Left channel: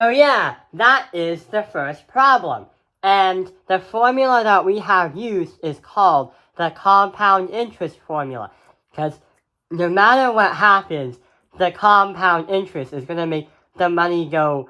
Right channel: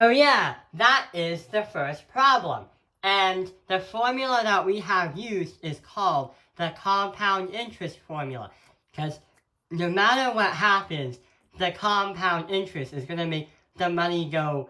Oh yeah, that is the first problem. And the formula that we have used is called the compound interest formula. Because no matter what happens, the compound interest is going to make the money go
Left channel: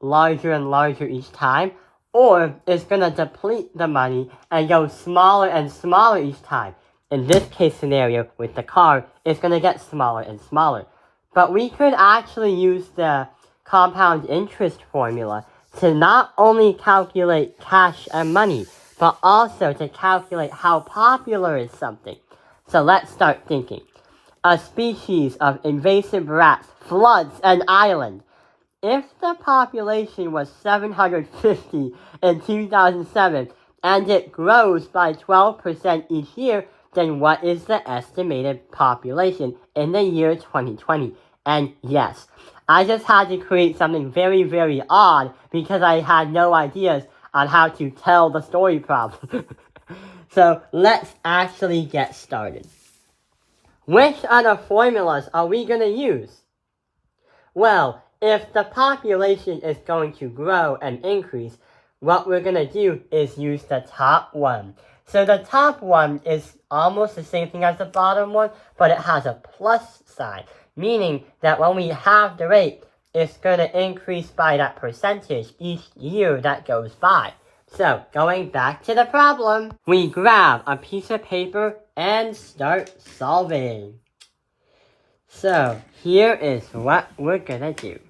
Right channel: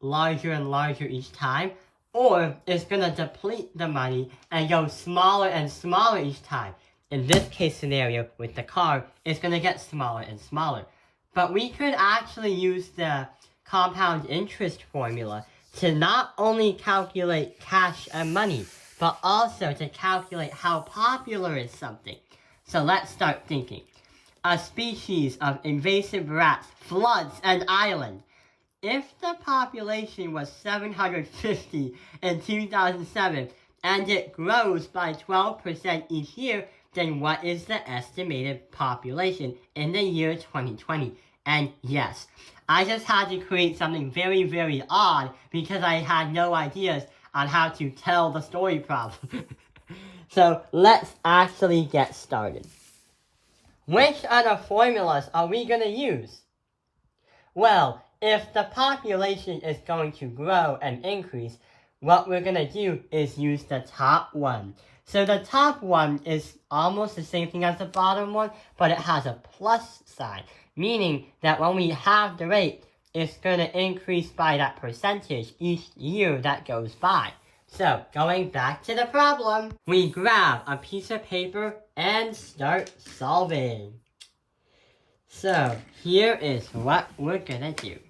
larger and larger each time, or it's going to deplete the money and go smaller and smaller each time. In this case scenario with the car, it's going to get smaller and smaller. But we could actually use the compound interest formula to not only calculate cash and money, but also to calculate how popular is something. So let's start thinking. A species of invasive rats floods an island. If the population was 750 in 2007 and it grows by 12% each year, then what is the estimated population in the year 2020? And yes, I just had to create something very, very odd because I had no ideas on how to tell the story problem. So let's actually get started. Which other formulas are we going to use? Well, if the population is going to grow and increase, what we're going to do is use the top one. So the top one is almost the same thing as the bottom one, but it has a plus sign, meaning that when we have the rate, it's going to increase by that percentage each year that goes by. So, going back to the problem, we grab a piece of paper and start solving. So, here is what we're gonna do.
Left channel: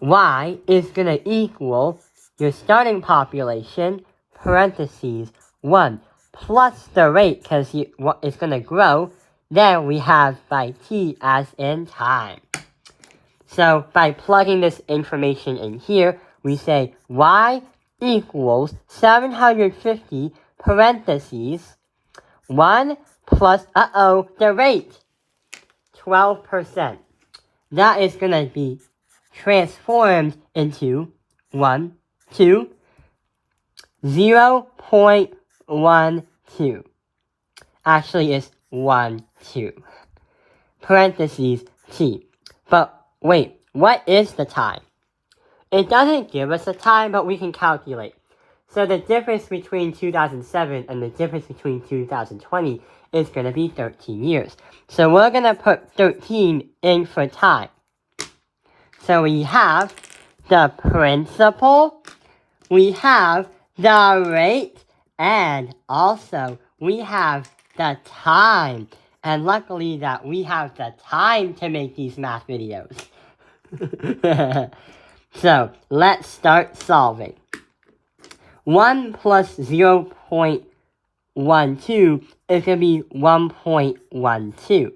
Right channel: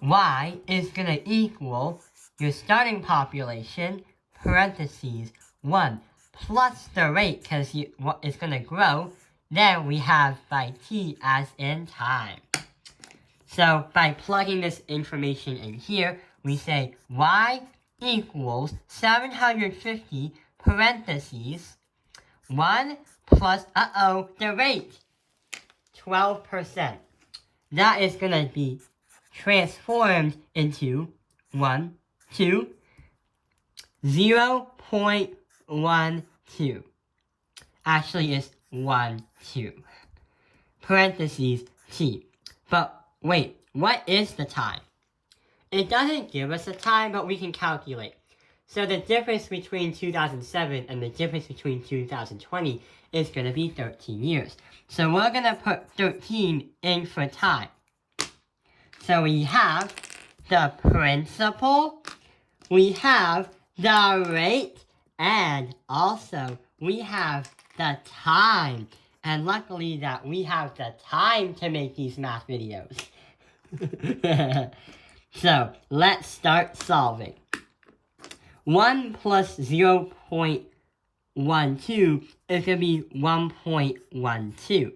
Y is gonna equal your starting population, parentheses, 1, plus the rate, because it's gonna grow. Then we have by t as in time. So, by plugging this information in here, we say y equals 750, parentheses, 1 plus, the rate. 12%. That is going to be transformed into 0.12. Actually, it's 1, 2. Parentheses, t. But wait, what is the time? It doesn't give us a time, but we can calculate. So the difference between 2007 and the difference between 2020 is going to be 13 years. So we're going to put 13 in for time. So we have the principal, we have the rate, and also we have the time. And luckily that we have the time to make these math videos. So let's start solving. 1 plus 0.12 is going to be 1.12.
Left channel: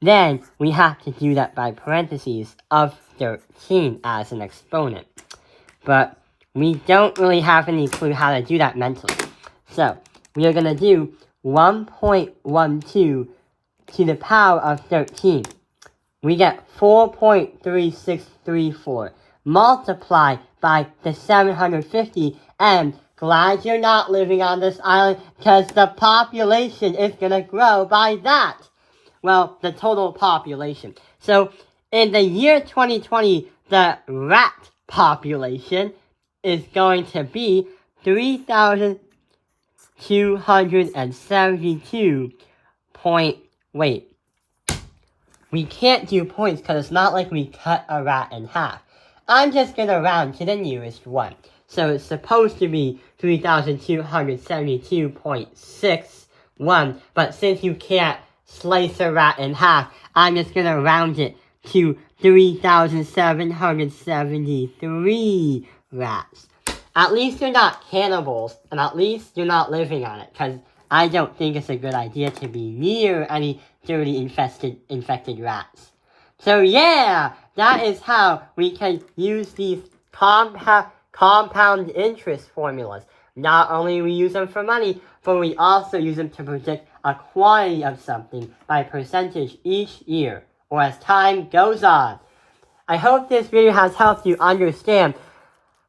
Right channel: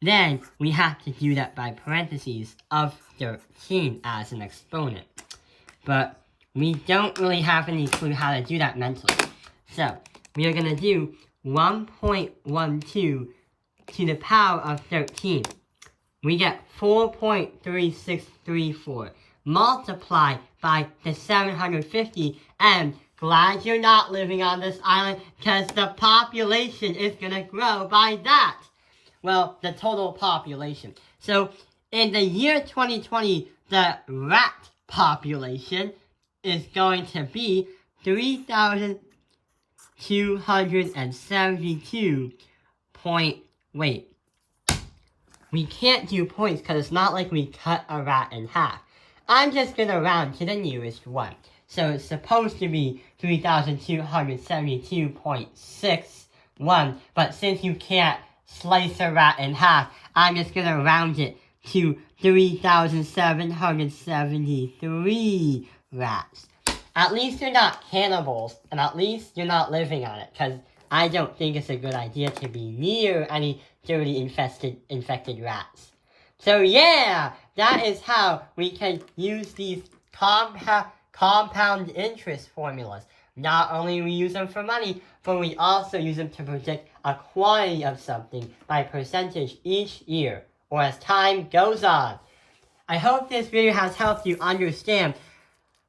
Then we have to do that by parentheses of 13 as an exponent. But we don't really have any clue how to do that mentally. So we are going to do 1.12 to the power of 13. We get 4.3634 multiplied by the 750, and glad you're not living on this island because the population is going to grow by that. Well, the total population. So in the year 2020, the rat population is going to be 3,272 we can't do points because it's not like we cut a rat in half. I'm just going to round to the nearest one. So it's supposed to be 3,272.61, but since you can't slice a rat in half, I'm just going to round it to 3,773 rats. At least you're not cannibals, and at least you're not living on it, because I don't think it's a good idea to be near any dirty infected rats. So yeah, that is how we can use these compound interest formulas. Not only we use them for money, but we also use them to predict a quantity of something by percentage each year, or as time goes on. I hope this video has helped you understand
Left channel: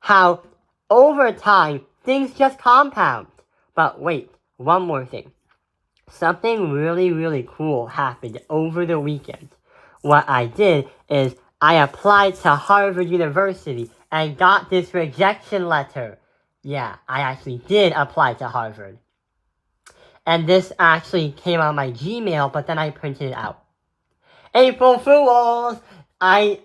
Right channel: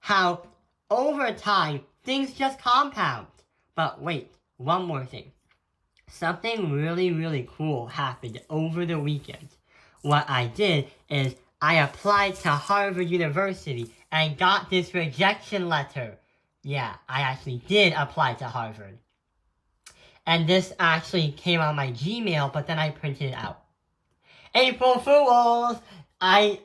how over time things just compound. But wait, one more thing. Something really, really cool happened over the weekend. What I did is I applied to Harvard University and got this rejection letter. Yeah, I actually did apply to Harvard. And this actually came on my Gmail, but then I printed it out. April Fools! I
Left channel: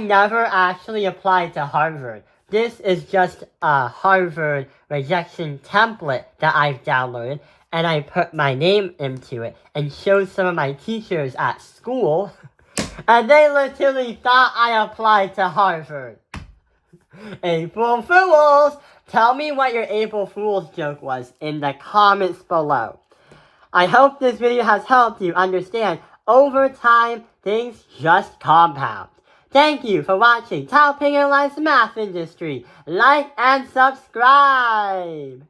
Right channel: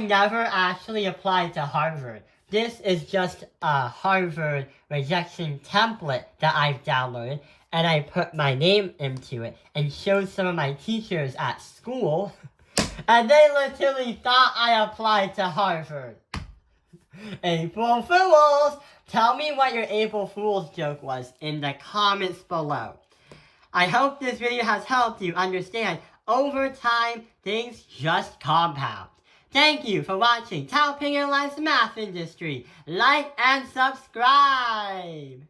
never actually applied to Harvard. This is just a Harvard rejection template that I've downloaded, and I put my name into it and showed some of my teachers at school, and they literally thought I applied to Harvard. April Fools! Tell me what your April Fool's joke was in the comments below. I hope this video has helped you understand over time, things just compound. Thank you for watching Tao Ping Life's Math Industry. Like and subscribe!